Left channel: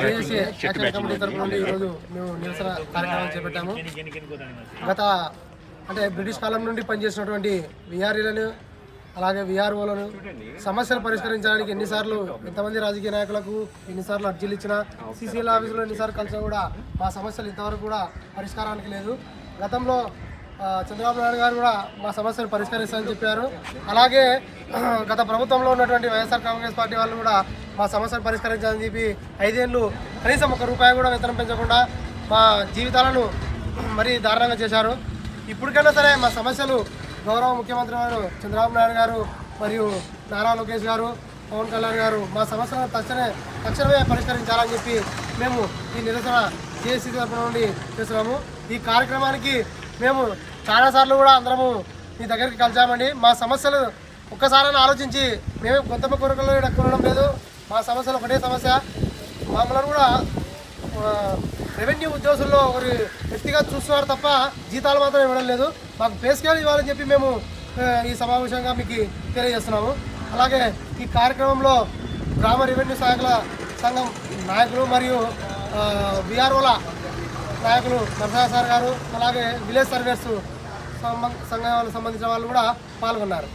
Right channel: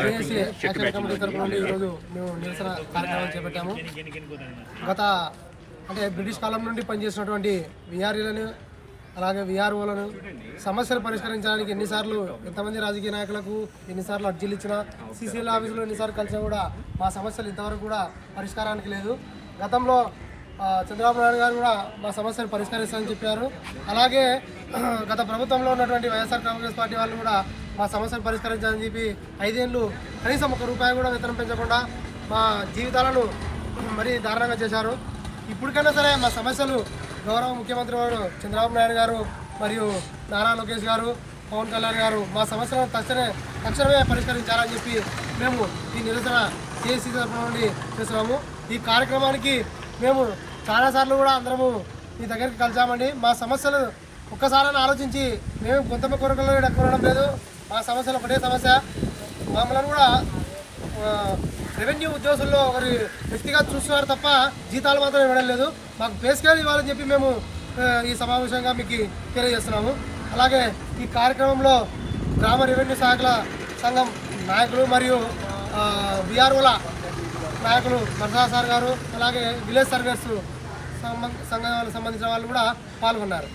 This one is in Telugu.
జేఏసీ యాక్షన్ కమిటీ తరపు నుండి ఈరోజు మేము నిరసన కార్యక్రమం చేపట్టాము. గత అంటే బ్రిటిష్ కాలం నుండి పనిచేసినటువంటి విఆర్ఈలను అలాగే విఆర్ఓలను సమస్యలు పరిష్కరించడానికి ఎన్నిసార్లు ఎంతమంది రాజకీయ నాయకులకు ఎన్నిసార్లు అర్జీలు ఇచ్చినా సీసీఎల్ ఆఫీసులో ఎన్నిసార్లు కలిసినా కూడా మా సమస్యలు ఇంతవరకు కూడా పరిష్కారానికి లేదు. గతంలో చంద్రబాబు నాయుడు గారు కూడా మా సమస్యలు పరిష్కరిస్తారని చెప్పారు. అలాగే గత ప్రభుత్వంలో ఉన్నటువంటి వైఎస్ఆర్ కాంగ్రెస్ పార్టీ వాళ్ళు కూడా మా సమస్యలు పరిష్కరించాలని చెప్పి 5 ఏళ్ళు కనీసం ₹1 కూడా వేతనం పెంచకుండా మా జీవితాలను మరీ దారుణంగా చేశారు. ఇప్పటికైనా సరే మా సమస్యలు గౌరవ ముఖ్యమంత్రి గారు చంద్రబాబు నాయుడు గారు మరియు నారా లోకేష్ గారు, పవన్ కళ్యాణ్ గారు మా సమస్యలను తక్షణమే పరిష్కరించాలని చెప్పి మేము ఈ నిరసన జేఏసీ తరఫున నుండి చేస్తున్నాము. ఈ కార్యక్రమానికి మేము చాలాసార్లు కూడా అందరము మీ దగ్గరికి కలిసామండి. మా సమస్యలు ఒక్కసారి ఆలోచించి మేము గొంతమ్మ కోరికలు కొనడం లేదు. మా సమస్యలు ఒకటే సమస్య. మమ్మల్ని కూడా రెవెన్యూ ఉద్యోగుల్లో ఒకరి వ్యక్తిగా చూస్తున్నారు తప్ప జీతాలు మాత్రం ఇవ్వడం లేదు. మాకు పే స్కేల్ ఇవ్వాలని చెప్పి మేము ఈ సమావేశంగా మీకు తెలియజేస్తున్నాము. అలాగే ఈ కార్యక్రమంలో గ్రామ రెవెన్యూ సహాయకుల సంఘం నాయకులు మరియు విఆర్ఓల నాయకులు ప్రసాద్ సార్ గారు అలాగే విలేజ్ సర్వేస్ సంఘాలకు సంబంధించిన వాళ్ళు కూడా పాల్గొన్నారు.